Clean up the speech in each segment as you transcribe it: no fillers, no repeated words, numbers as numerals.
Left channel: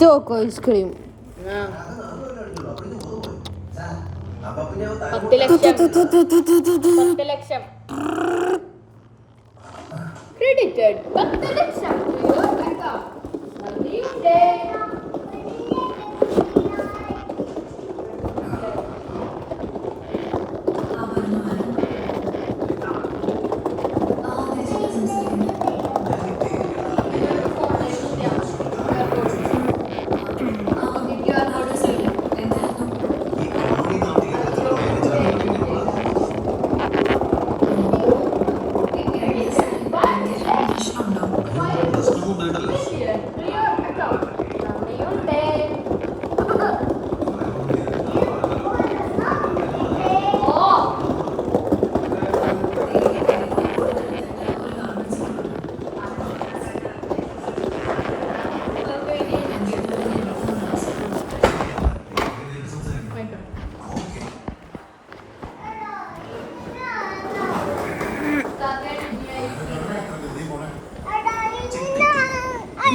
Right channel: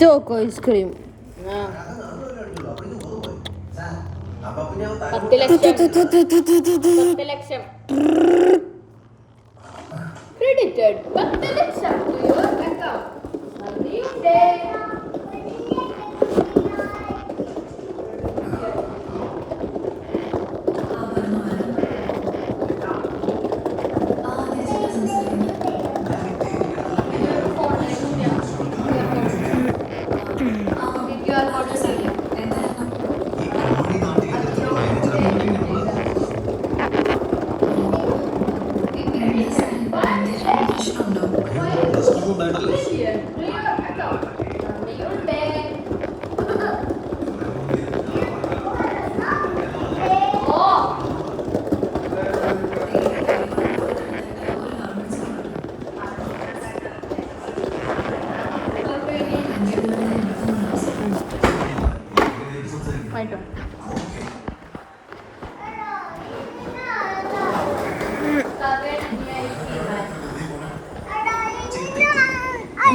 Choco ice cream 10 ലക്ഷം credited 10 ലക്ഷം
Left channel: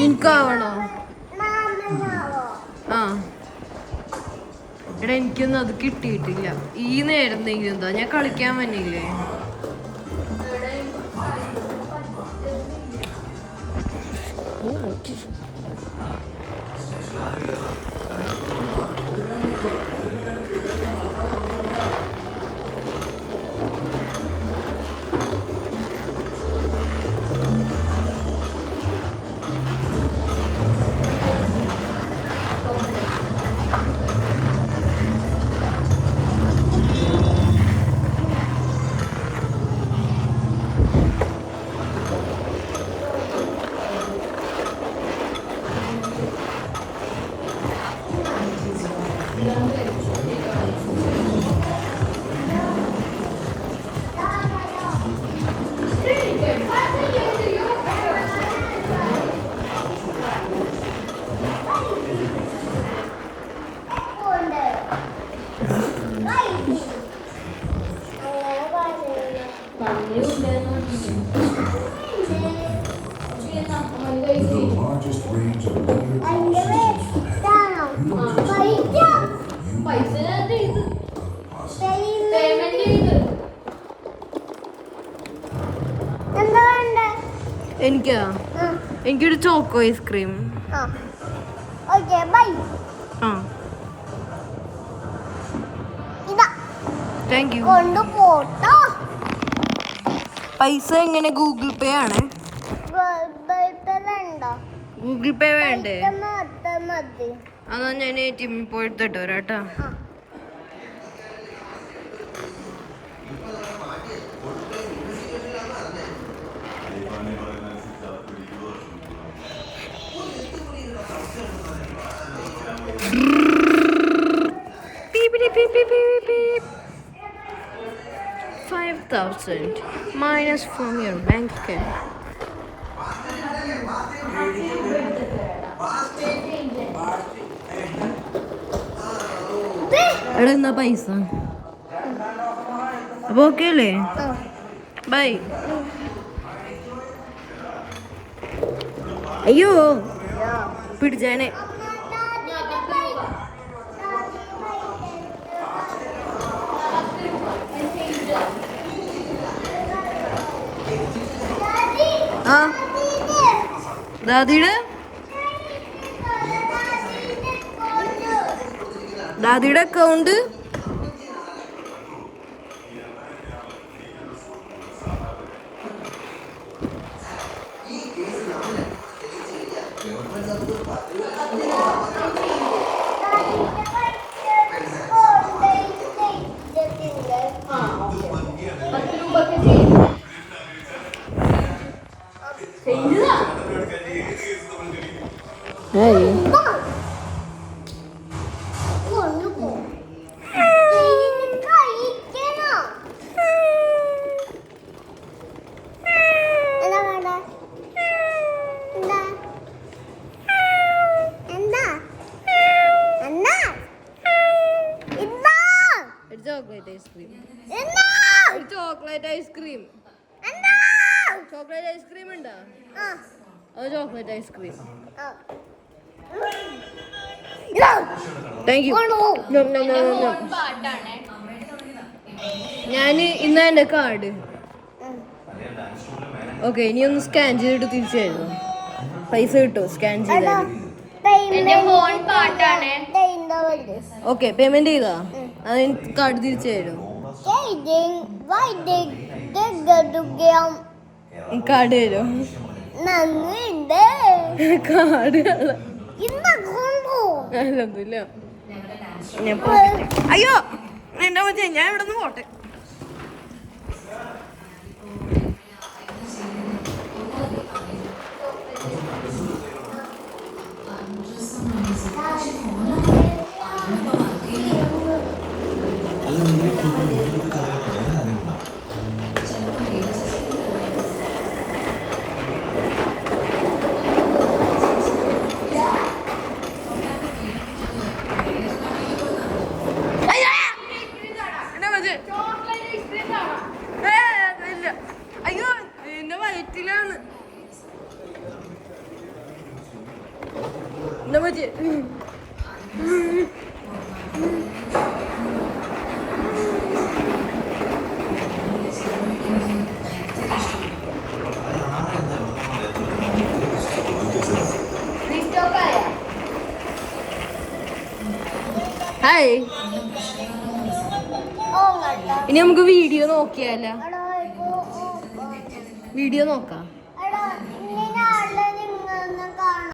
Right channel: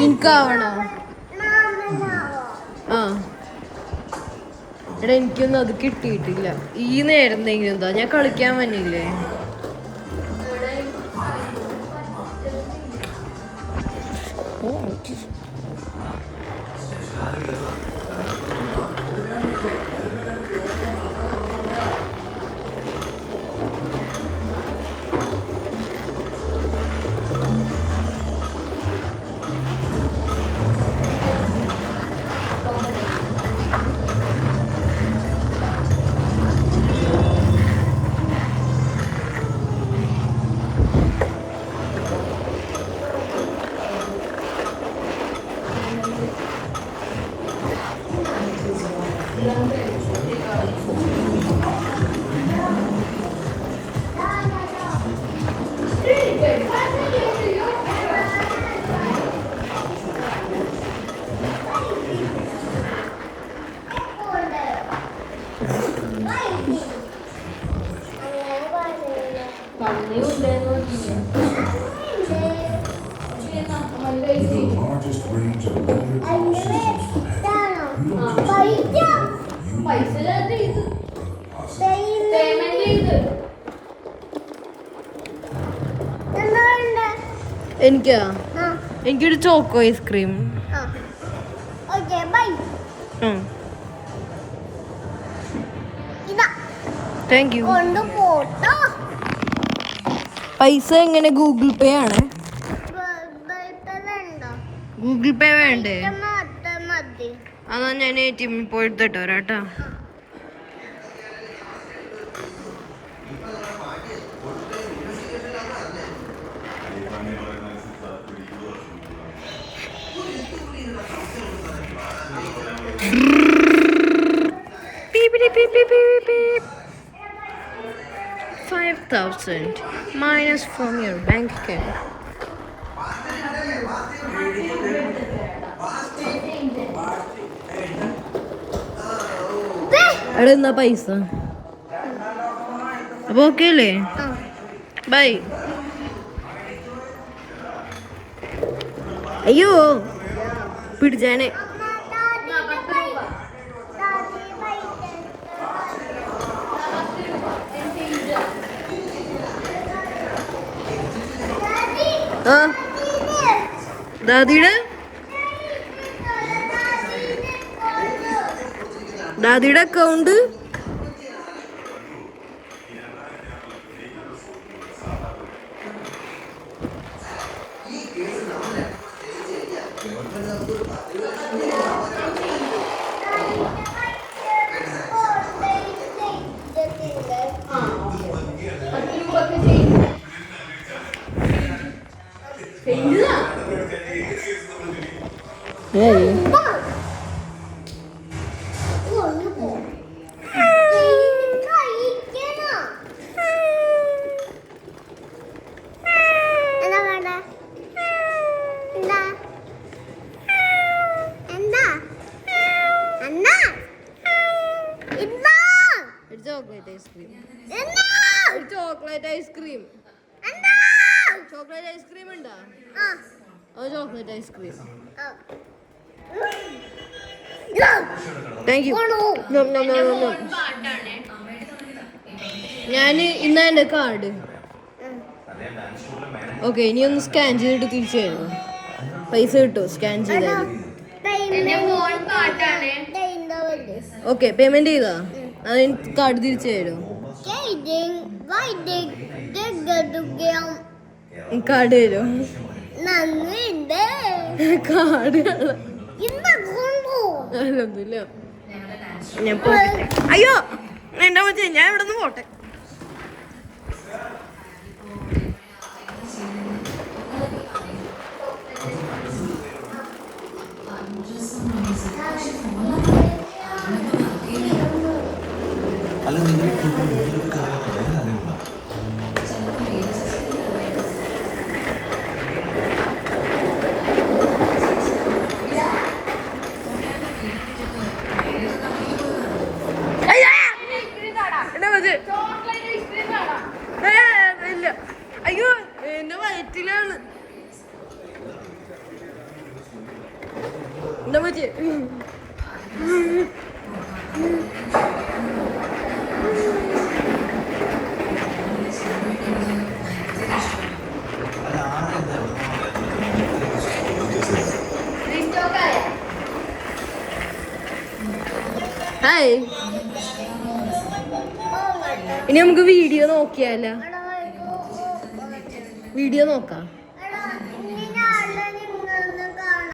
എനിക്കാവണോ? ആ എടാ എനിക്കൊന്നും അത് കിട്ടിയിട്ടില്ല. ഈ നേരം എന്തെങ്കിലും എന്താ ഞാൻ കളിക്കാൻ വന്നില്ലേ? എനിക്കൊരു ചോക്കോ ഐസ്ക്രീം. Thank you. പൈസ എങ്ങനെ? ഗൂഗിൾ പേ ആണ്. ഗൂഗിൾ പേ വേണ്ടേ? അതാ ഞാൻ ATM പോയി എടുത്തിട്ട് വരാട്ടോ. Beep. 5,000 minus from your bank account. എടാ എന്നാ പൈസ അപ്പൊ ഓക്കെ അല്ലേ? ബൈ. അയ്യോ പിടിച്ചാനെ. ആ ദാദിയുടെ അക്കൗണ്ട് ചോക്ലേറ്റ് ഐസ്ക്രീം ഉണ്ടോ? അത് ചോക്ലേറ്റ് ഐസ്ക്രീം. Thank you. ഞാൻ ഇന്നാ എൻ്റെ കാർഡ്. ഓക്കെ, ഇനി ഒന്ന് സ്കാൻ ചെയ്തിട്ട് തിരിച്ചു തരുമോ? പൈസ കിട്ടുമോ സ്കാൻ ചെയ്താൽ? ഓക്കെ, പേയ്മെന്റ് ചെയ്താ അത് കാർഡ് തിരിച്ചു തരുമോ? കാർഡ് തരുമോ? കാർഡ് ഒന്നുമില്ല. ഞാൻ അയ്യോ എന്റെ മറ്റേ ഞാൻ ഇവിടെ നിന്ന് പോട്ടെ. അയ്യോ എന്റെ വയറ്റിലാണ്. എന്താ പറ്റി? ഹായ്, ഇനി നമുക്ക് വീഡിയോ നോക്കിയാലോ? വീഡിയോ നോക്കാം.